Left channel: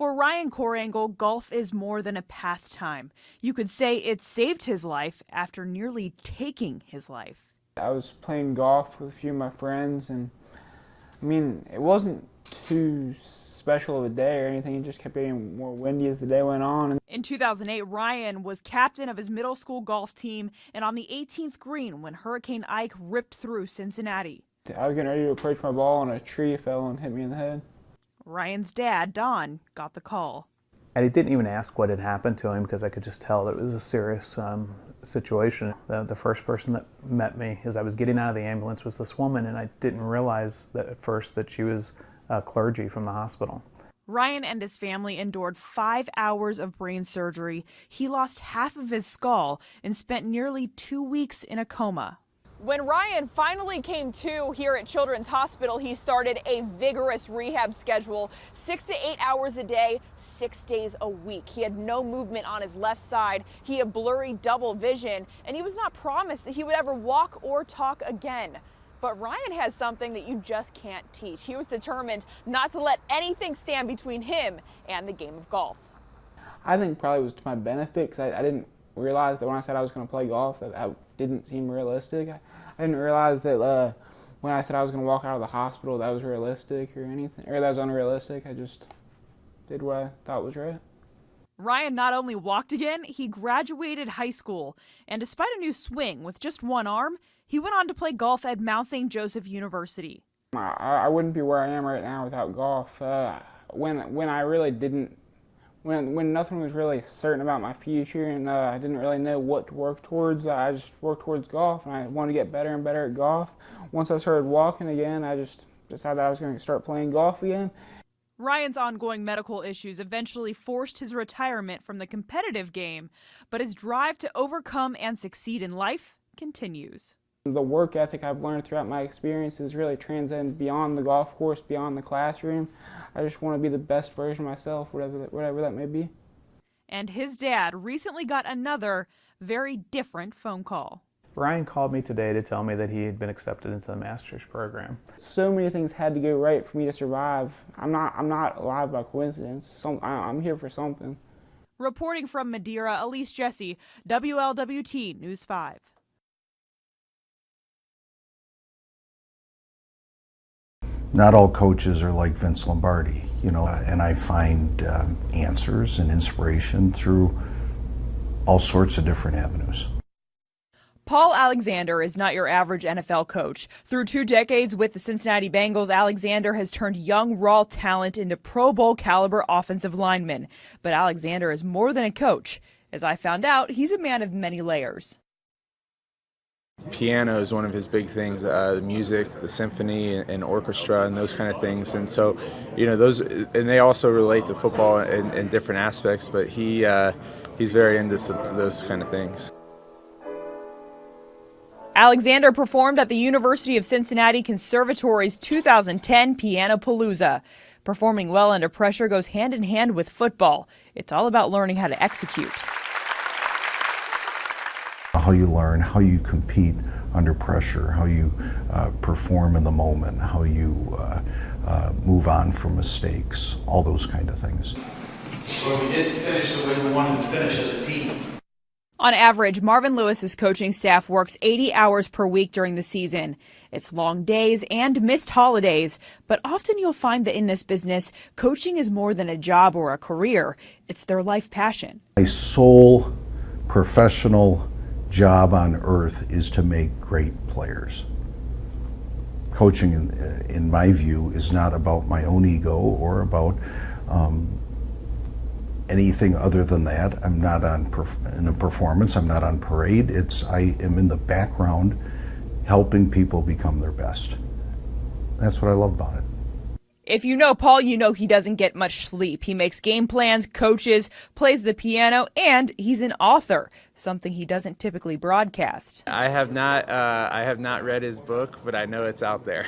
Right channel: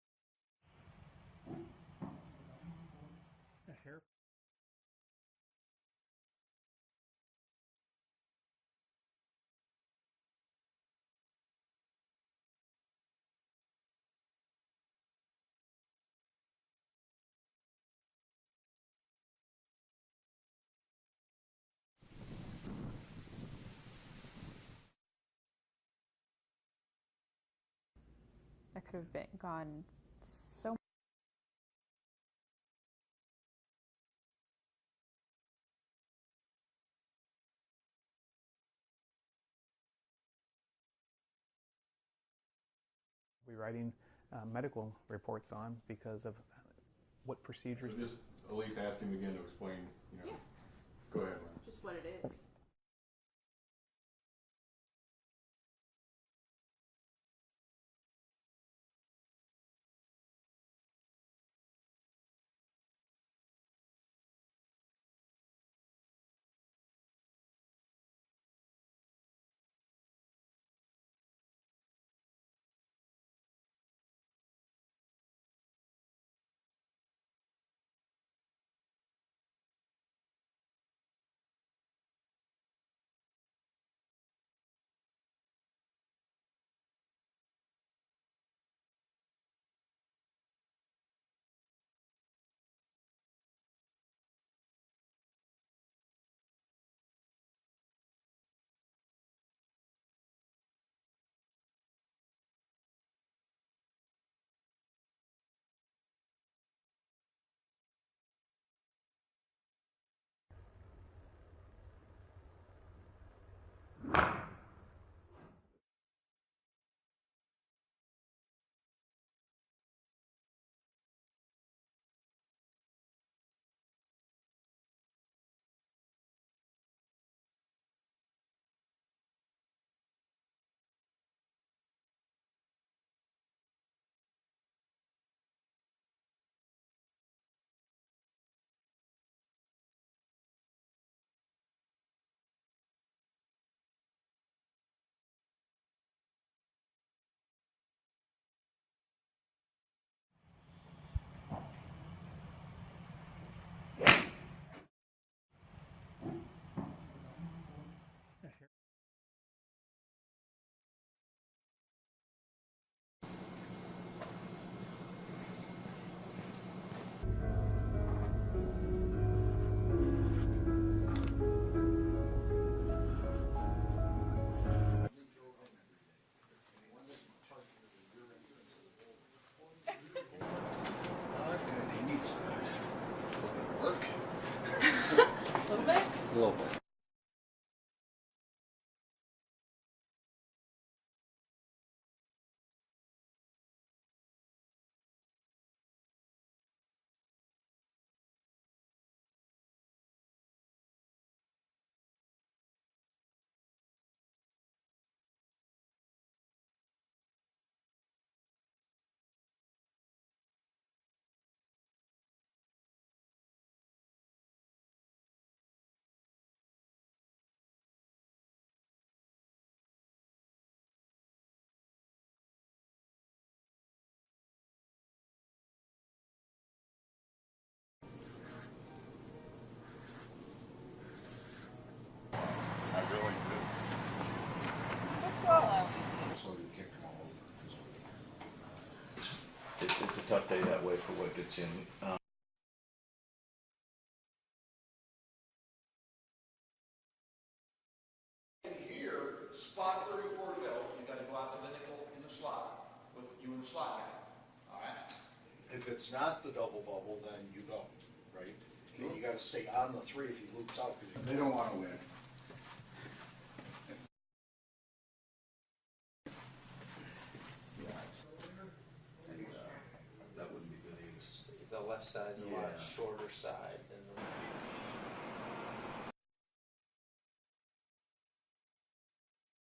For Ryan Korangle, golf is more than a pastime. You could say it saved his life after nearly taking his life. I was playing golf with a few of my friends, and I mean, it wasn't too special of a day or anything. It just kept getting more windy as the day went on. In 2008, Ryan was captain of his middle school golf team and on the 18th green when Hurricane Ike ripped through Cincinnati. I was getting ready to approach my ball and a tree fell and hit me in the head. Ryan's dad, Don, got the call. And he didn't even ask what had happened to him because I could just tell that it was a serious situation. The first person that met me as I was getting out of the ambulance was this woman, and I didn't realize that at first that she was clergy from the hospital. Ryan and his family endured 5 hours of brain surgery. He lost half of his skull and spent nearly 2 weeks in a coma. When Ryan finally came to here at Children's Hospital, he started a vigorous rehab schedule, 6 to 8 hours a day, 6 days a week. He had no movement on his left side. He had blurry double vision, and he was not promised that he would ever walk or talk again. But Ryan has something that you just can't teach. He was determined not to let anything stand between him and the game of golf. I think probably it was to my benefit because I didn't realize that when I said I was going to play golf that didn't seem realistic. I didn't realize that when I said I was going to walk out of the hospital that was realistic or anything, or that was unrealistic. I just did what I thought was right. Ryan not only walked again, he graduated high school. And despite a new swing with just one arm, he went on to play golf at Mount St. Joseph University. I wouldn't be where I am right now without golf. When I really didn't, when nothing was really certain about my future and I didn't really know what to work towards, I just worked towards golf, and I wanted to get better and better at golf. Once I started walking again, I just decided that I was going to start playing golf again. Ryan's ongoing medical issues eventually forced his retirement from the competitive game, but his drive to overcome and succeed in life continues. The work ethic I've learned throughout my experiences really transcend beyond the golf course, beyond the classroom. I just want to be the best version of myself, whatever that may be. And his dad recently got another very different phone call. Ryan called me today to tell me that he had been accepted into the master's program. So many things had to go right for me to survive. I'm not alive by coincidence. I'm here for something. Reporting from Madeira, Elise, WLWT News 5. Not all coaches are like Vince Lombardi, and I find answers and inspiration through all sorts of different avenues. Paul Alexander is not your average NFL coach. Through 2 decades with the Cincinnati Bengals, Alexander has turned young, raw talent into Pro Bowl caliber offensive linemen. But Alexander is more than a coach. As I found out, he's a man of many layers. Piano is one of his big things, the music, the symphony and orchestra and those kind of things. And so, those, and they also relate to football in different aspects, but he's very into those kind of things. Alexander performed at the University of Cincinnati Conservatory's 2010 Pianopalooza. Performing well under pressure goes hand in hand with football. It's all about learning how to execute. How you learn, how you compete under pressure, how you perform in the moment, how you move on from mistakes, all those kind of things. Well, we didn't finish the way we wanted to finish as a team. On average, Marvin Lewis's coaching staff works 80 hours per week during the season. It's long days and missed holidays, but often you'll find that in this business, coaching is more than a job or a career. It's their life passion. My sole professional job on earth is to make great players. Coaching, in my view, is not about my own ego or about anything other than that. I'm not in a performance, I'm not on parade. I am in the background helping people become their best. That's what I love about it. If you know Paul, you know he doesn't get much sleep. He makes game plans, coaches, plays the piano, and he's an author, something he doesn't typically broadcast. I have not read his book, but I know it's out there.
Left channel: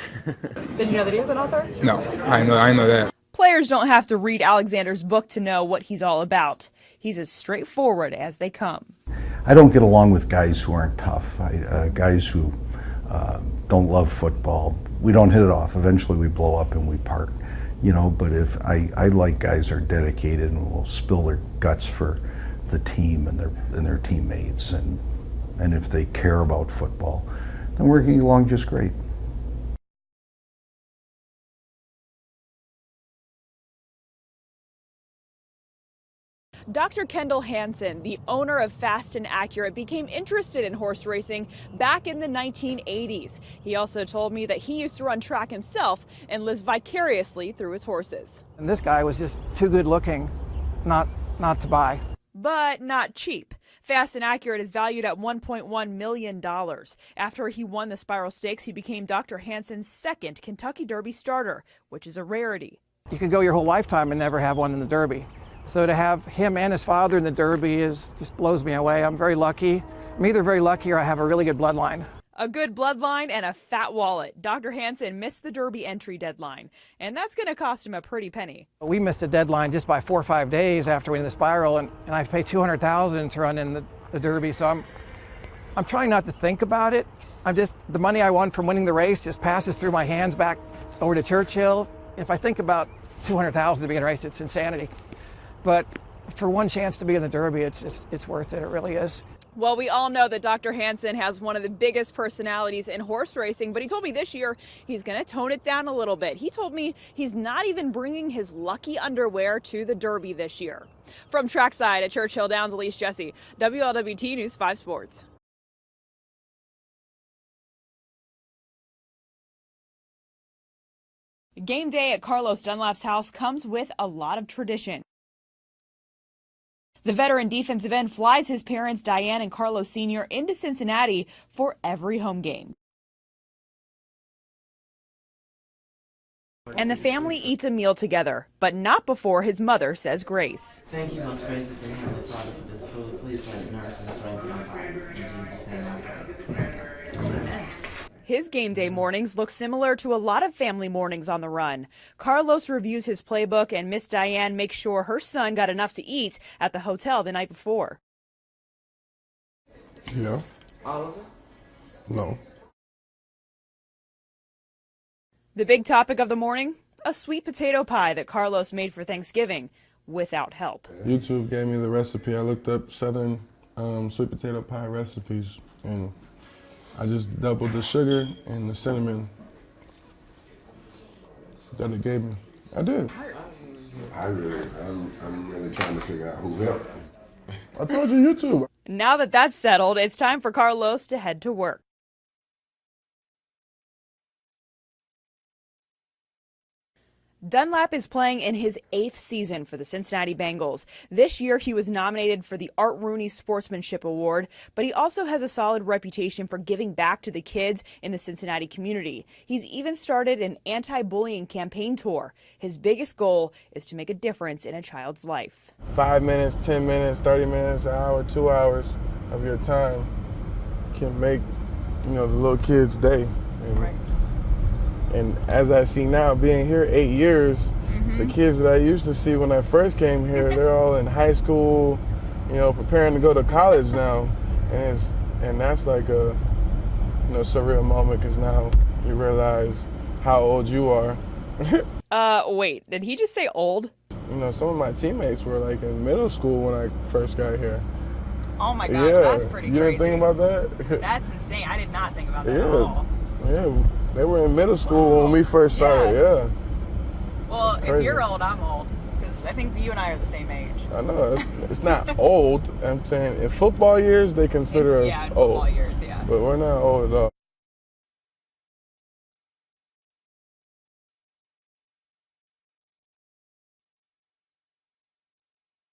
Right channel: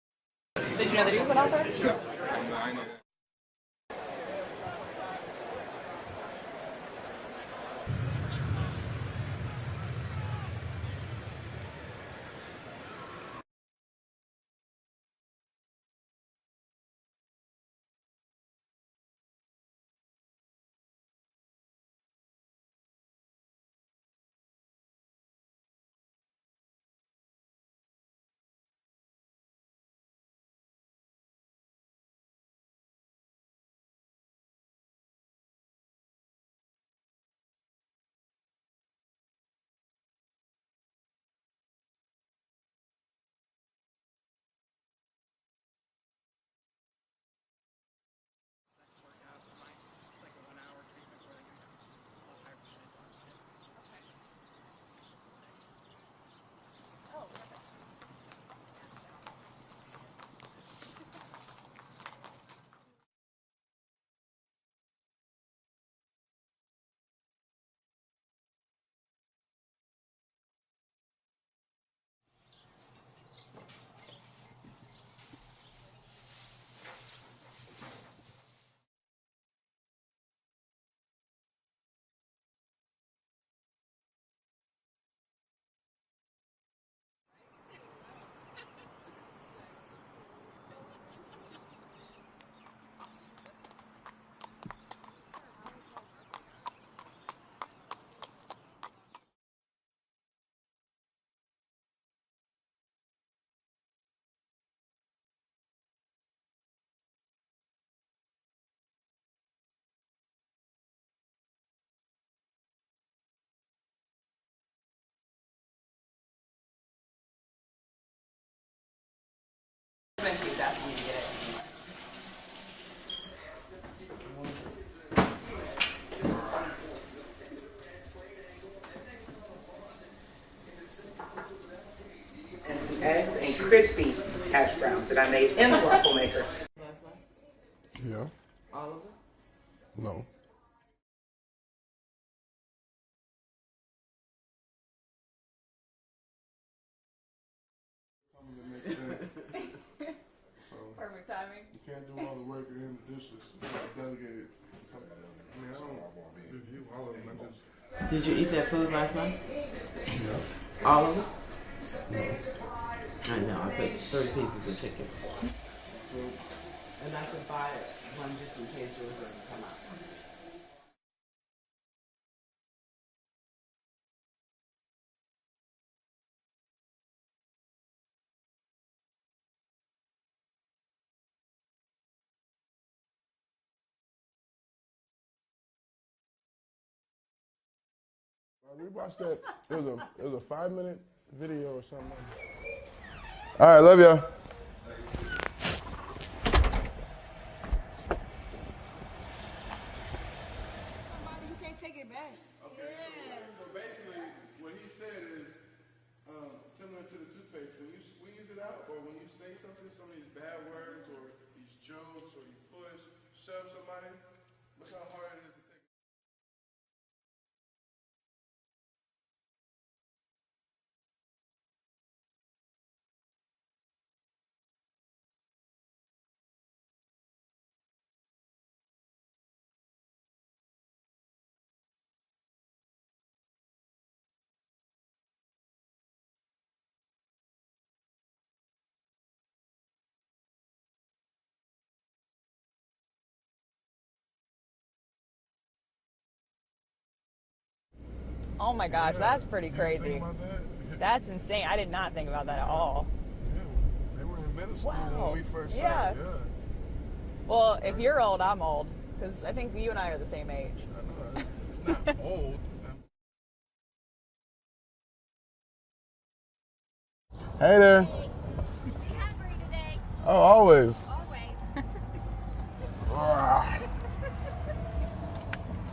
Did you know that he was an author? No, I know that. Players don't have to read Alexander's book to know what he's all about. He's as straightforward as they come. I don't get along with guys who aren't tough, guys who don't love football. We don't hit it off. Eventually we blow up and we part. you know, but if I like guys who are dedicated and will spill their guts for the team and their teammates, and if they care about football, then we're getting along just great. Dr. Kendall Hansen, the owner of Fast and Accurate, became interested in horse racing back in the 1980s. He also told me that he used to run track himself and lives vicariously through his horses. And this guy was just too good looking not to buy. But not cheap. Fast and Accurate is valued at $1.1 million. After he won the Spiral Stakes, he became Dr. Hansen's second Kentucky Derby starter, which is a rarity. You could go your whole lifetime and never have one in the Derby. So to have him and his father in the Derby just blows me away. I'm very lucky. I'm either very lucky or I have a really good bloodline. A good bloodline and a fat wallet. Dr. Hansen missed the Derby entry deadline, and that's going to cost him a pretty penny. We missed a deadline just by 4 or 5 days after winning the Spiral, and I paid $200,000 to run in the Derby. So I'm trying not to think about it. The money I won from winning the race just passes through my hands back over to Churchill. If I think about $200,000 to be in a race, it's insanity. But for one chance to be in the Derby, it's worth it. It really is. Well, we all know that Dr. Hansen has one of the biggest personalities in horse racing, but he told me this year he's going to tone it down a little bit. He told me he's not even bringing his lucky underwear to the Derby this year. From trackside at Churchill Downs, Elise Jesse, WLWT News 5 Sports. Game day at Carlos Dunlap's house comes with a lot of tradition. The veteran defensive end flies his parents, Diane and Carlos Sr., into Cincinnati for every home game. Some eggs and crispy hash browns that I made in the waffle maker. And the family eats a meal together, but not before his mother says grace. Thank you, most gracious and heavenly Father, for this food. Please let it nourish and strengthen our bodies. In Jesus' name I pray. Amen. His game day mornings look similar to a lot of family mornings on the run. Carlos reviews his playbook, and Miss Diane makes sure her son got enough to eat at the hotel the night before. Did you eat that food last night? Yeah. All of it? No. I know, I put 3 pieces of chicken. The big topic of the morning, a sweet potato pie that Carlos made for Thanksgiving without help. YouTube gave me the recipe. I looked up Southern sweet potato pie recipes, and I just doubled the sugar and the cinnamon that it gave me. I did. I'm really trying to figure out who helped. I told you, YouTube. Now that that's settled, it's time for Carlos to head to work. All right, love y'all. Dunlap is playing in his 8th season for the Cincinnati Bengals. This year, he was nominated for the Art Rooney Sportsmanship Award, but he also has a solid reputation for giving back to the kids in the Cincinnati community. He's even started an anti-bullying campaign tour. His biggest goal is to make a difference in a child's life. 5 minutes, 10 minutes, 30 minutes, an hour, 2 hours of your time can make, the little kid's day. And as I see now, being here 8 years, the kids that I used to see when I first came here, they're all in high school, preparing to go to college now. And that's like a surreal moment, because now you realize how old you are. Wait, did he just say old? Some of my teammates were like in middle school when I first got here. Oh my gosh, that's pretty crazy. You didn't think about that? That's insane. I did not think about that at all. Yeah, they were in middle school when we first started, yeah. Well, if you're old, I'm old, because I think you and I are the same age. I know, it's not old. I'm saying in football years, they consider us in old. Football years, yeah. But we're not old at all. Hey there. Oh, always.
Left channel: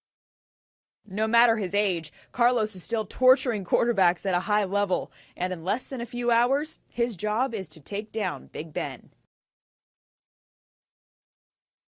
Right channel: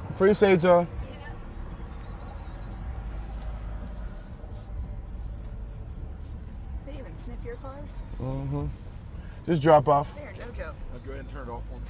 Appreciate y'all. No matter his age, Carlos is still torturing quarterbacks at a high level. And in less than a few hours, his job is to take down Big Ben. Just drop off. Go ahead and turn it off for me.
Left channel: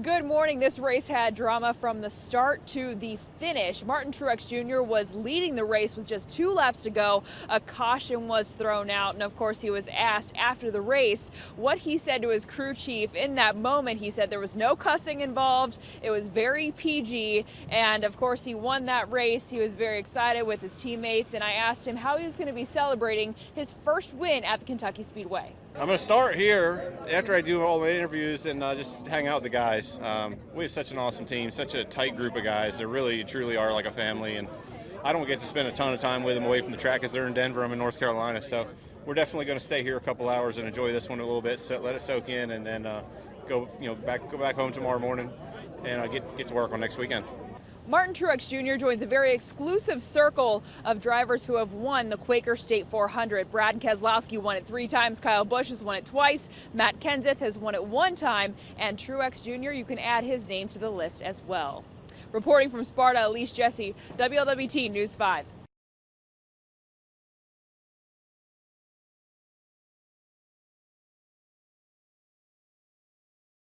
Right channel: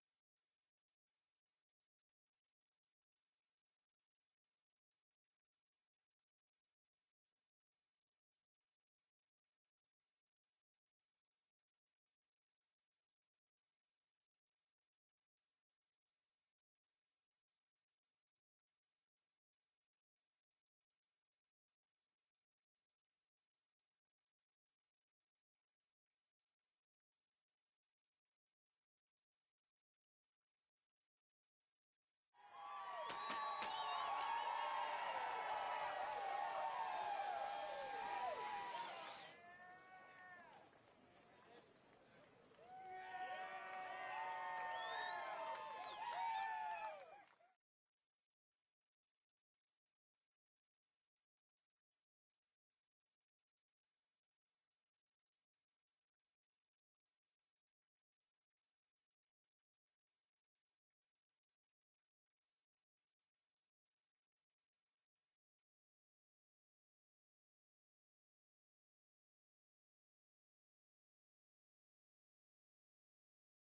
Good morning. This race had drama from the start to the finish. Martin Truex Jr. was leading the race with just 2 laps to go. A caution was thrown out, and of course he was asked after the race what he said to his crew chief. In that moment, he said there was no cussing involved. It was very PG, and of course he won that race. He was very excited with his teammates, and I asked him how he was going to be celebrating his first win at the Kentucky Speedway. I'm going to start here after I do all my interviews and just hang out with the guys. We have such an awesome team, such a tight group of guys. They really, truly are like a family, and I don't get to spend a ton of time with them away from the track because they're in Denver. I'm in North Carolina, so we're definitely going to stay here a couple hours and enjoy this one a little bit, let it soak in, and then go back home tomorrow morning and get to work on next weekend. Martin Truex Jr. joins a very exclusive circle of drivers who have won the Quaker State 400. Brad Keselowski won it 3 times, Kyle Busch has won it twice, Matt Kenseth has won it 1 time, and Truex Jr., you can add his name to the list as well. Reporting from Sparta, Elise Jesse, WLWT News 5.